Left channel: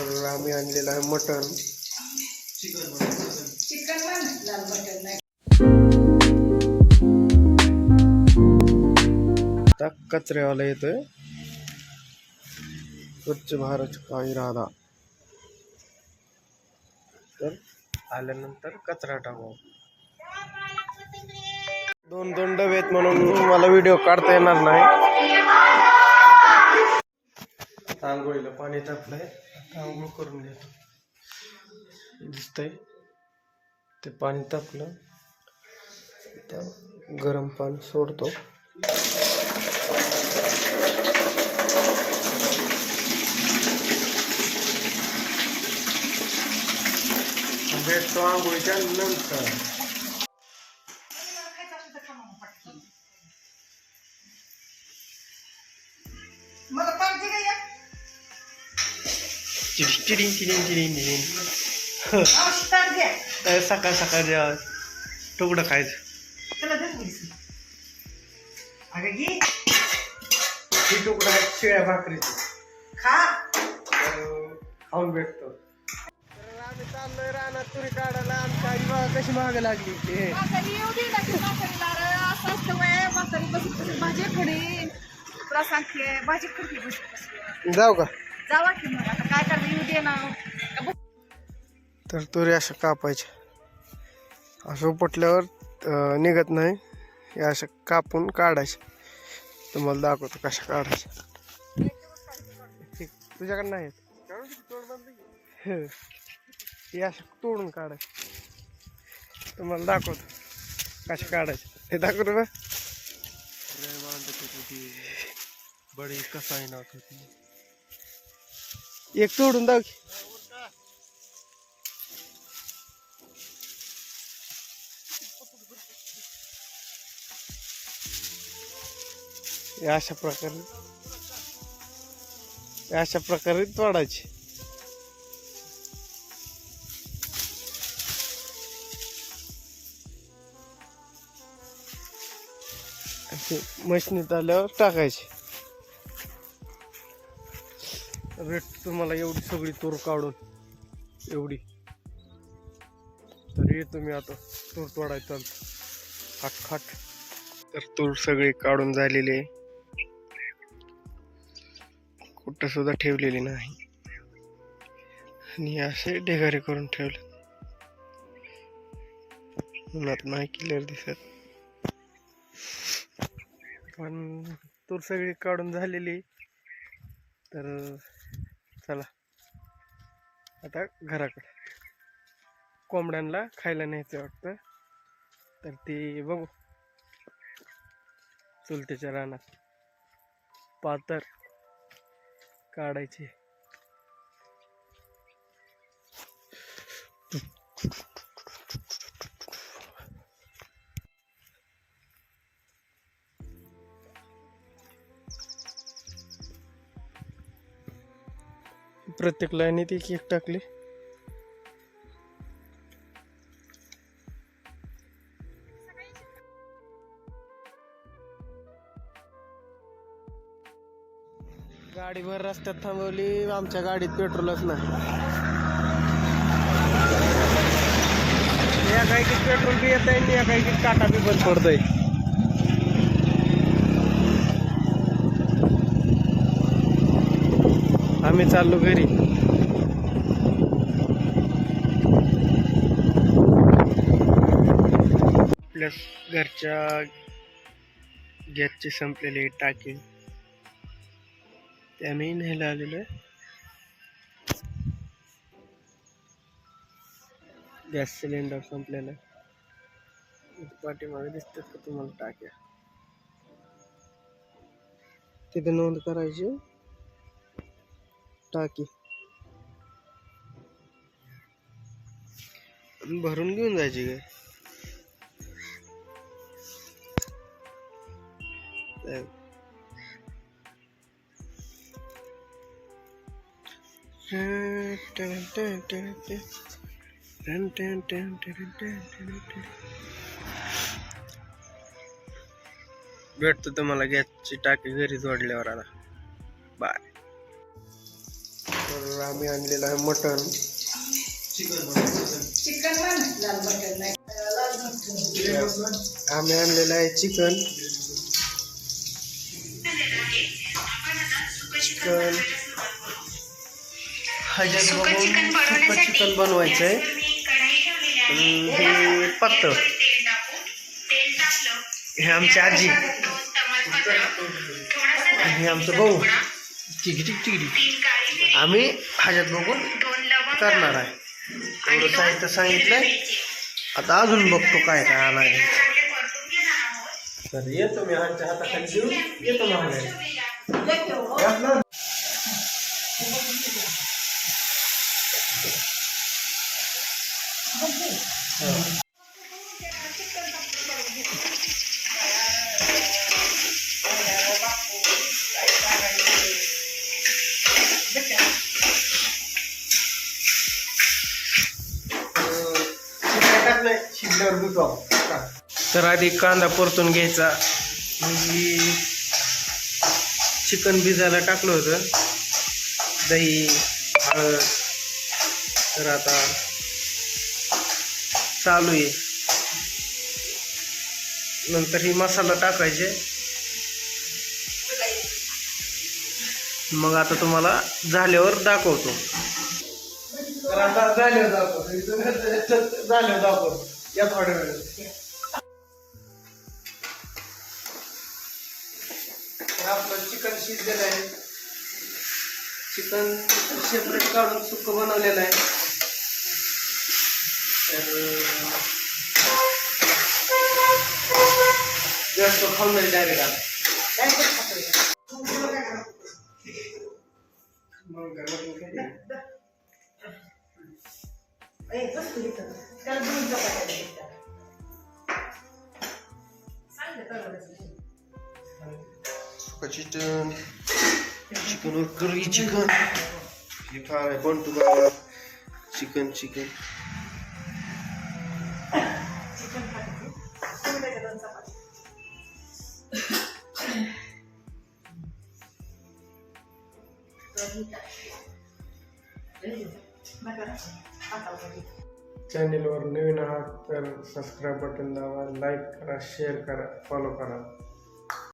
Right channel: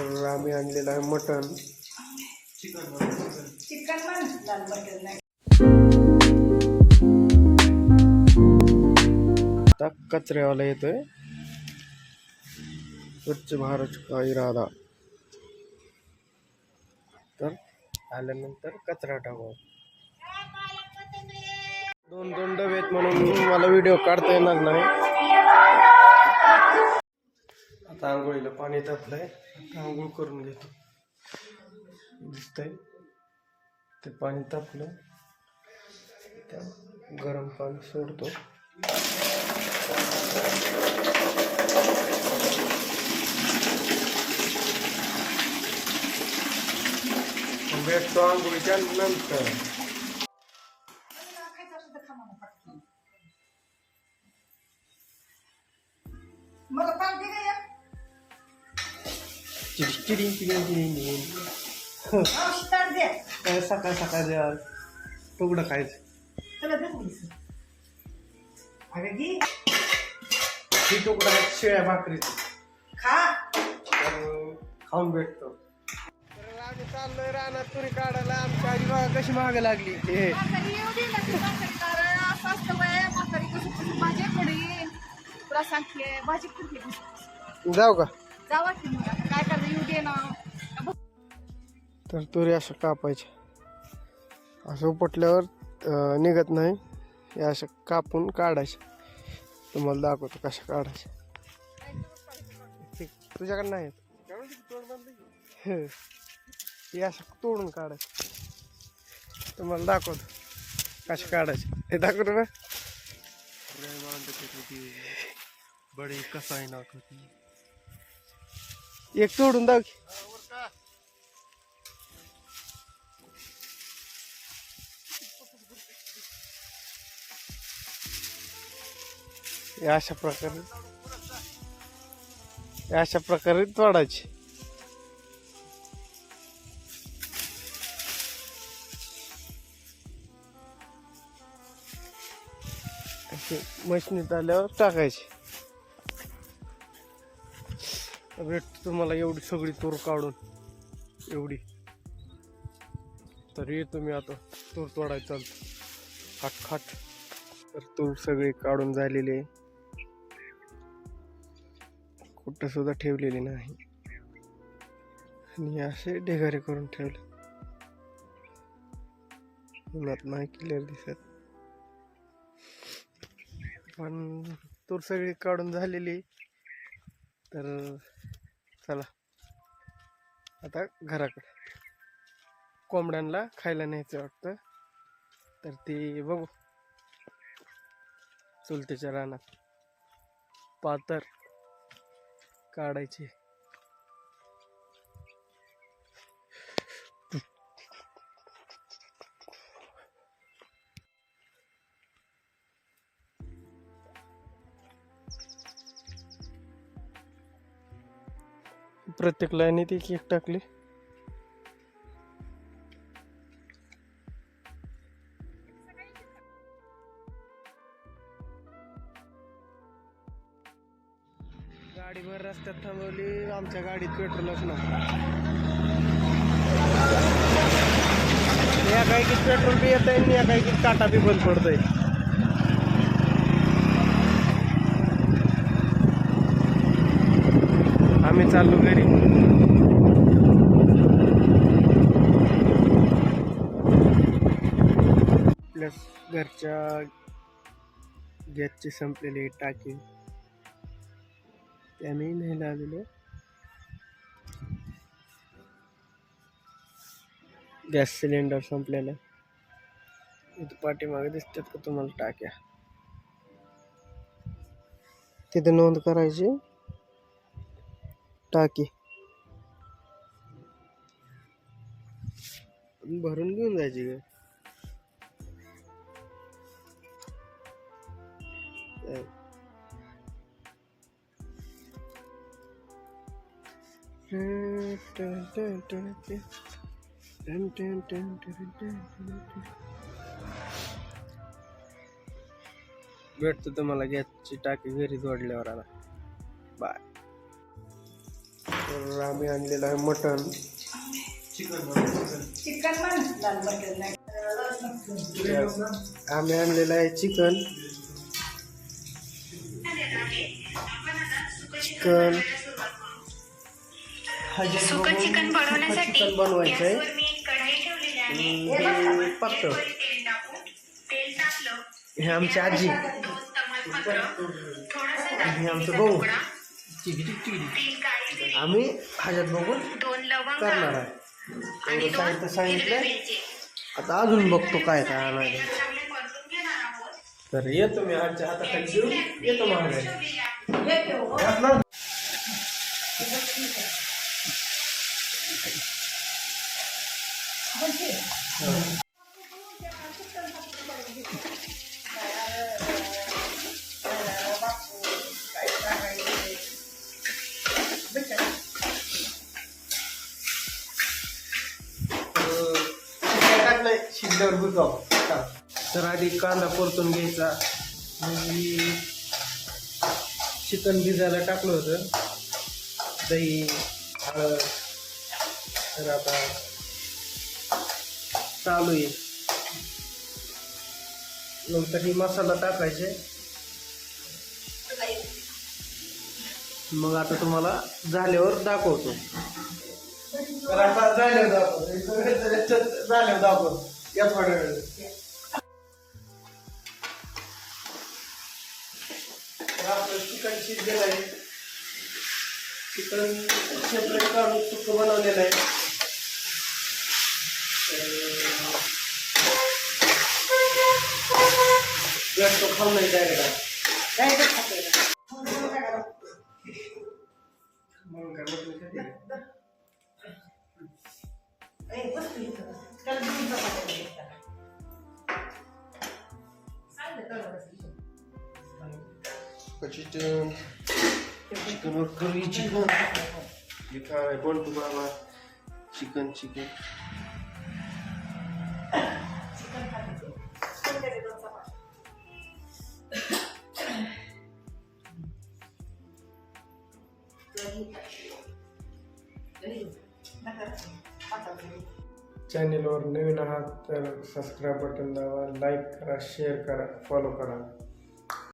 तर आम्ही आणलेलं आहे मटण. आता कचऱ्यावाला येतोय. स्वच्छ भारत का इरादा. तर आल्यानंतर कचरा टाकू. दोन डबे आहेत म्हणून मला व्हिडिओ काढता येणार नाही. आता आंघोळीला पाणी तापलंय. आता आंघोळ करून घेतो. दिसतंय ते पाणी तापलं. त्या गरम पाणी सोडतो. भेटतो आंघोळीच्या नंतर. सकाळ सकाळ जेव्हा तुकडं खायचं. ही तुकडं आहेत शिळ्या भाकरीची. खाऊन भेटतो. तर आम्ही चाललोय रानात तुरी काढायला. आमच्या आजी बघा कशी माग लागली. जाऊ का? जावा की मग आता काय करणार. येऊ दे ना. तर तुरी अशा कापायच्या. असं उपटल्यावर निघत नाही. या अशा कापून काढायच्या. तुम्हाला दाखवतो कशा काढायच्या. तुझ्याकडे नाही हे अशा तोडून काढायचं. तुम्हाला दाखवतो कशा काढायचं. हे दाखवतो ना. बडी कसाई नाखती. एक तोडून दाव की. अशा प्रकारे तोडायची. मशनीत आल्यावर टाकायची. भेटतो तुम्हाला एवढी सगळी तूर काढून. एवढी तर येतो मी आता. तूर तोडायचं चालतं खाट खाट. तर तूर सगळी काढून झालेली आहे. कुठं सुद्धा ठेवलेली नाही. आणि असे ढेगारे करून ठेवले. उन्हात नाही क्लिअर दिसत. पण तूर सगळी काढून झालेली. तर चला आता घराकडे. कोंबड्यांना खायला न्यायचं वाटतं. तर ते बघू. चुलतेच्या रानात पातर काढायची. प्रत्येक लाईनीत एक एक टाकली. गाडी भर रस्त्यात थांबवली. आमच्या गाडीत पेट्रोलच नाही. या गाडीत पेट्रोल बी येत आहे. या गाडीत टाटा बी बंद पडतोय. आम्ही चाललो घरी. प्लस घरच्या गॅसची संपलेली टाकी ते आम्ही न्यायला आलेलो आहे. गॅस सिलेंडर संपलेला. इथे पाठीमागे दिसतात का तुम्हाला टाक्या. तिथे नोंद करायची. टाकी भरून घेऊन जायची काय. भेटतो तुम्हाला गॅसची टाकी घरी जोडल्यावर. आता बाय. तर आम्ही आणलेलं आहे मटण. चिकन पण लाल मटण नाही आम्ही आणलेलं आहे चिकन. ह्याच्यात बघून सुकं चिकन बनवायचं आहे. हे पातळ. हे आमची आजी, हे आमचं भाऊ. आम्ही ह्याच्यात बघून करणार आहे. एवढं साहित्य सांगितलंय. आता अजून बघतो काय काय आणायला. तर येतो मी आमच्या हाताखाली देऊन येतो महागाई. शिजल्यावर विकाव. तर आधी कांदा परतून घ्यायचा. मी चिकन भिजायला टाकलं होतं, दही, हळद. तर आता चालू आहे. नंतर ही मसाला टाकायचे. मग आता तुम्हाला झाल्यावर दाखवतो. तर आता झाल्यावर दाखवतो या थोड्या वेळ. तर आपलं चिकन शिजलेलं आहे. चिकन सेपरेट काढून सुक्क बनवलेलं आहे. तर जास्त खाऊ नाही डायरेक्ट आता. मग काय म्हटलं चिकन, चिकनवर करी चिकन. हे काय पण तू बाबा चिकन चिकन चॅनेलवर नवीन आहात तर सबस्क्राईब बटन दाबा, लाईक करा, शेअर करा, फॉलो करा.